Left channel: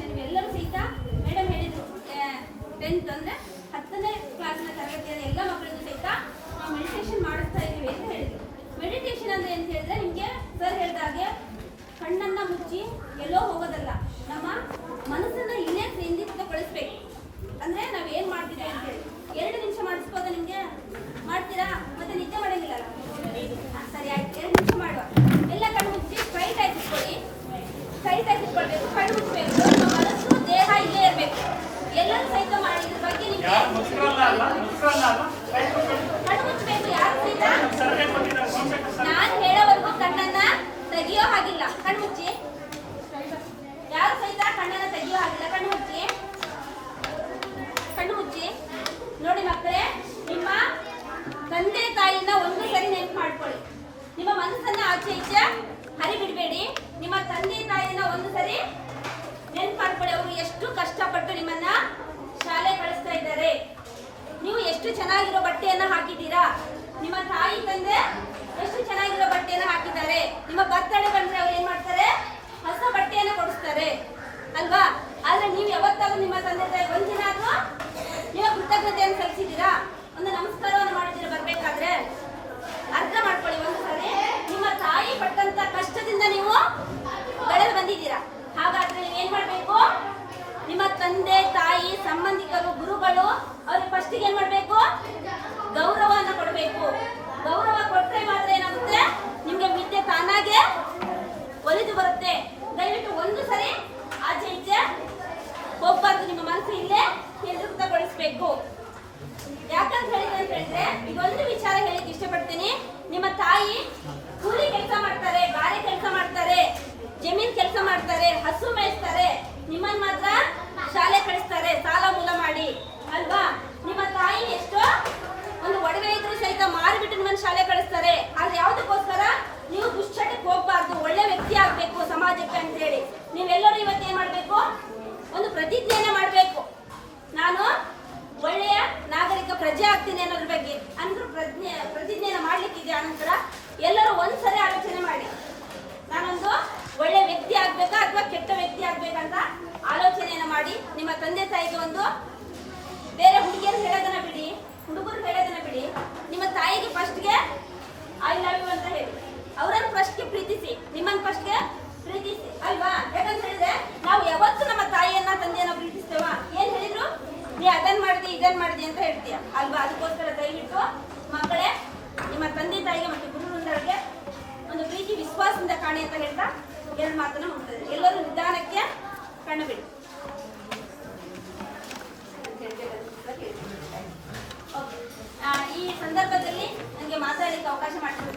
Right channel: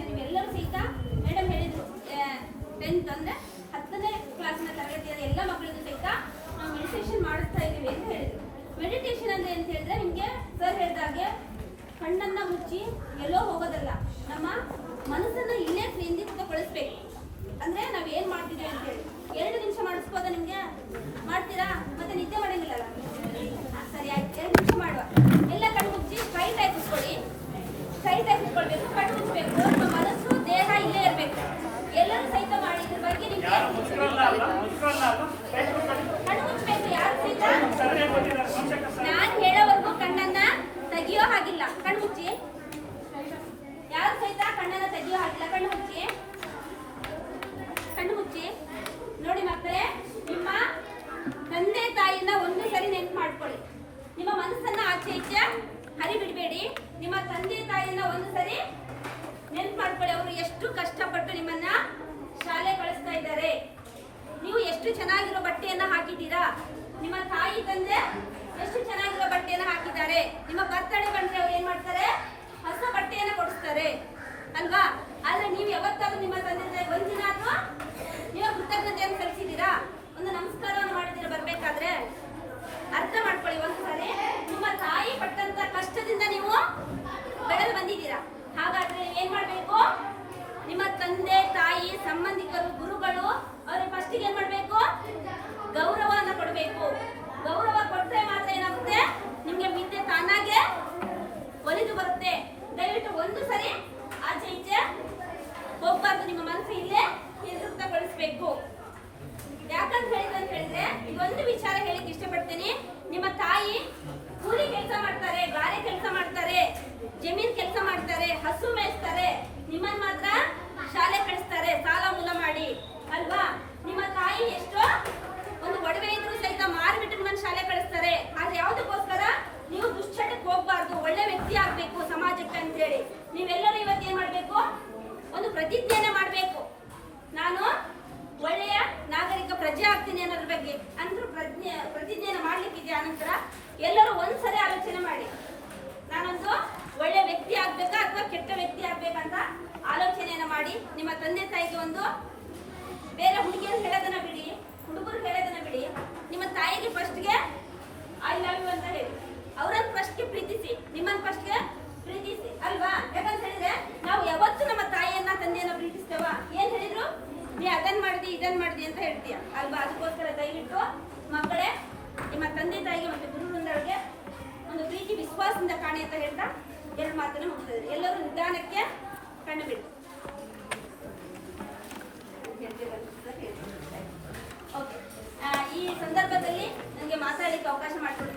ವಿಷಯ ಇವೆಲ್ಲರೂ ಸಹಿತ ಮೇಡಮ್ ಹೇಳಿದ್ರು ಟೆಂತ್ ಅಂದ್ರೆ ಹತ್ತನೇ ಕ್ಲಾಸಿನ ತರಗತಿಯಲ್ಲಿ ಎಲ್ಲ ಮಕ್ಕಳಿಗೂ ಸಹಿತ ನಾವು ಮೆಡಿಟೇಷನ್ ಮಾಡಿಸ್ತಾ ಇದೀವಿ ಅಂತ ಹೇಳಿದ್ರು. ಮೆಡಿಟೇಷನ್ ಅಂದ್ರೆ ಅಂತ ಹೇಳಿದ್ರೆ ನಿಮಗೆ ಸರ್ ಹೇಳ್ದಾಗೆ ಕಣ್ಣನ್ನ ಮುಚ್ಚಿ ಎಲ್ಲೋ ಹೋಗೋದಲ್ಲ, ನಮ್ಮ ಮನಸ್ಸನ್ನ ಇಲ್ಲೇ ಕೇಂದ್ರೀಕೃತಗೊಳಿಸ್ಬೇಕು ಅಂದ್ರೆ ನಾವ್ ಏನ್ ಮಾಡ್ತಿದ್ದೀವಿ ಅಂತ ಹೇಳಿ. ಎರಡು ನಿಮಿಷ ಮಾಡಿಸ್ಬೋದ ನಿಮಗೆ? ಮಾಡ್ತೀರಾ? ಮತ್ತೆ ನಿದ್ದೆ ಮಾಡಂಗಿಲ್ಲಲ್ಲ? ಸರಿ ಆಯ್ತು, ಎರಡು ನಿಮಿಷ ಮಾಡುವ. ಎಲ್ಲ ಕಣ್ಣು ಮುಚ್ಚಿ ಸ್ಟ್ರೈಟ್ ಆಗಿ ಕುತ್ಕೊಳ್ಳಿ. ಸ್ಟ್ರೈಟ್ ಆಗಿ ಕುತ್ಕೊಳ್ಬೇಕು, ಕಣ್ಣು ಮುಚ್ಚಬೇಕು. ಇಲ್ಲೇ ಇರಬೇಕು. ಎಲ್ಲರೂ ಸಹಿತ ಮಾಡಿ ಇದ್ರ ಬಗ್ಗೆ ನಿಮ್ಗೆ. ಕಣ್ಣು ಮುಚ್ಚಬೇಕು ಯಾರು ಸಹಿತ? ನಾನ್ ಹೇಳೋವರೆಗೂ ಕಣ್ಣನ್ನ ತೆಗಿಯೋ ಹಾಗಿಲ್ಲ. ಕಣ್ಣು ಮುಚ್ಚಿ. ಯಾರು ಸಹಿತ ಕಣ್ಣನ್ನ ತೆಗಿಯೋ ಹಾಗಿಲ್ಲ. ಕಣ್ಣು ಮುಚ್ಚಿ. ಕಣ್ಣು ಮುಚ್ಚಿ. ನೋಡಿ ಮಕ್ಕಳೇ ನಿಮ್ಮ ತಂದೆ ತಾಯಿನ ಒಂದು ಸರಿ ನೆನ್ಪು ಮಾಡ್ಕೊಳ್ಳಿ. ನಿಮ್ಮ ಮನಸ್ಸನ್ನ ಆಚೆ ಈಚೆ ಹರಿ ಬಿಡಬೇಡಿ ನಿಮ್ಮ ತಂದೆ ತಾಯಿನ ಒಂದು ಸರಿ ನೆನ್ಪು ಮಾಡ್ಕೊಳ್ಳಿ. ಅವರು ಎಷ್ಟು ಕಷ್ಟಪಟ್ಟು ನಿಮ್ಮನ್ನ ಶಾಲೆ ಕಳಿಸ್ತಾ ಇದ್ದಾರೆ ನೀವು ಎಷ್ಟು ಚೆನ್ನಾಗಿರೋ ಬಟ್ಟೆಯನ್ನ ಹಾಕಿದ್ದೀರಾ ನಿಮ್ಮ ತಾಯಿ ತಂದೆ ಎಷ್ಟು ಚೆನ್ನಾಗಿರೋ ಬಟ್ಟೆಯನ್ನ ಹಾಕಿದ್ದಾರೆ ನಿಮ್ಮ ಬರ್ತಡೇ ಬಂದ್ರೆ ಅವ್ರು ಏನ್ ಮಾಡ್ತಾರೆ ಹೊಸ ಬಟ್ಟೆಯನ್ನ ಕೊಡಿಸ್ತಾರೆ ಅಲ್ವಾ ಆದ್ರೆ ನೀವು ಯಾವತ್ತಾದ್ರೂ ನಿಮ್ಮ ತಂದೆ ತಾಯಿ ಒಂದಿನಾದ್ರೂ ನೀವು ಕೃತಜ್ಞತೆಯನ್ನು ಸಲ್ಲಿಸಿದ್ದೀರಾ ಒಂದು ನಮಸ್ಕಾರವನ್ನು ಮಾಡಿದ್ದೀರಾ ಬರ್ಬೇಕಾದ್ರೆ ಅರ್ಥ ಮಾಡ್ಕೊಳ್ಳಿ ಒಂದು ಸಾರಿ ನಿಮ್ಮ ತಾಯಿ ಪಟ್ಟಂತ ಕಷ್ಟದಿಂದ ನೀವು ಬೆಳೆದು ಬಂದಿದ್ದೀರಾ ಹಾಗಾದ್ರೆ ನೀವು ಏನ್ ಮಾಡ್ಬೇಕು ನಿಮ್ಮ ತಂದೆ ತಾಯಿ ಸಂಬಂಧಿಕರು ಗುರುಗಳು ಅವ್ರಿಗೆ ಫಸ್ಟಿಗೆ ಏನ್ ಮಾಡ್ಬೇಕು ಗೌರವನ ಕೊಡಬೇಕು ಗೌರವ ಕೊಟ್ರೆ ಮಾತ್ರ ಏನಾಗುತ್ತೆ ನಿಮ್ಗೆ ವಿದ್ಯೆ ತಾನಾಗೆ ಒಲಿದು ಬರುತ್ತೆ ದಯವಿಟ್ಟು ಒಂದು ಸರಿ ಆಚೆ ಈಚೆ ಹೋಗ್ಬಾರ್ದು ನಿಮ್ಮ ಮನಸ್ಸು ಇಲ್ಲೇ ಕೇಂದ್ರೀಕೃತಗೊಳಿಸ್ಬೇಕು ಯಾಕಂತ ಹೇಳಿದ್ರೆ ಅಂತ ಹೇಳಿದ್ರೆ ಈಗ ಒಂದು ವಿಚಾರ ಹೇಳಿಕ್ ಇಷ್ಟಪಡ್ತೀನಿ. ನಿಮ್ಮ ತಾಯಿ ಕೂಲಿ ಕೆಲಸ ಮಾಡ್ತಾರೆ, ಗಾರೆ ಕೆಲಸ ಮಾಡ್ತಾರೆ, ಜಮೀನ್ ಕೆಲಸ ಮಾಡ್ತಾರೆ, ಹಸು ಮೇಯಿಸ್ತಾರೆ. ನಿಮ್ಮನ್ ಮಾತ್ರ ಎಲ್ಲರೂ ಒಂದ್ಸರಿ ಆಲೋಚನೆ ಮಾಡಿ. ನಾನೊಂದು ಒಳ್ಳೆ ವ್ಯಕ್ತಿ ಆಗ್ಬೇಕಾ ಅಥವಾ ಕೆಟ್ಟ ವ್ಯಕ್ತಿ ಆಗ್ಬೇಕಂತ ಆಲೋಚನೆಯನ್ನು ಮಾಡಿ. ನಿಮ್ಮ ತಂದೆ ತಾಯಿಗೆ ಒಂದು ಬೇರೆ ಹುಡುಗಿಯರು ಹೇಳೋದನ್ನ ಬಿಡಿ, ಹುಡುಗರು ಹೇಳೋದನ್ನ ಬಿಡಿ. ನಿಮ್ಮ ತಾಯಿಗೆ ಫಸ್ಟ್ಗೆ ಐ ಲವ್ ಯು ಅಂತ ಹೇಳಿ. ಅವರನ್ನು ಫಸ್ಟ್ಗೆ ಪ್ರೀತಿಸಿ, ನಿಮ್ಮನ್ನ ಫಸ್ಟ್ಗೆ ಪ್ರೀತಿಸಿ, ಅಲ್ವಾ? ಯಾಕಂತ ಹೇಳಿದ್ರೆ ನಾವು ಯಾವತ್ತು ನಮ್ಮ ತಾಯಿಯನ್ನ, ತಂದೆಯನ್ನ ಪ್ರೀತಿಸ್ತೇವ? ಏನ್ ಹೇಳಿದ್ರು? ನೀ ಅದನ್ನ ಮಾಡಿದಿ ಇದನ್ನ ಮಾಡಿದಿ ಅಂತ ಹೇಳ್ತೀಯ. ಅಲ್ವಾ? ಅದಕ್ಕೋಸ್ಕರ ದಯವಿಟ್ಟು ಮಕ್ಕಳೇ ನಿಮ್ಮ ತಂದೆ ತಾಯಿಗೆ ಮತ್ತೆ ಗುರು ವೃಂದರಿಗೆ ಒಂದು ಪ್ರೀತಿ, ವಿಶ್ವಾಸದಿಂದ ಕಾಣಿ ಅಂತ ಹೇಳ್ತಾ ಎರಡು ಮಾತನ್ನು ಮುಗಿಸ್ತದೆ ಎಲ್ಲರೂ ನಿಧಾನಕ್ಕೆ ಕಣ್ಣು ಬಿಡಿ. ಓಕೆ. ಈ ಸಂದರ್ಭದಲ್ಲಿ ನನಗೆ ಮಾತಾಡಲಿಕ್ಕೆ ಅವಕಾಶ ಮಾಡಿಕೊಟ್ಟಿದ್ದಕ್ಕೆ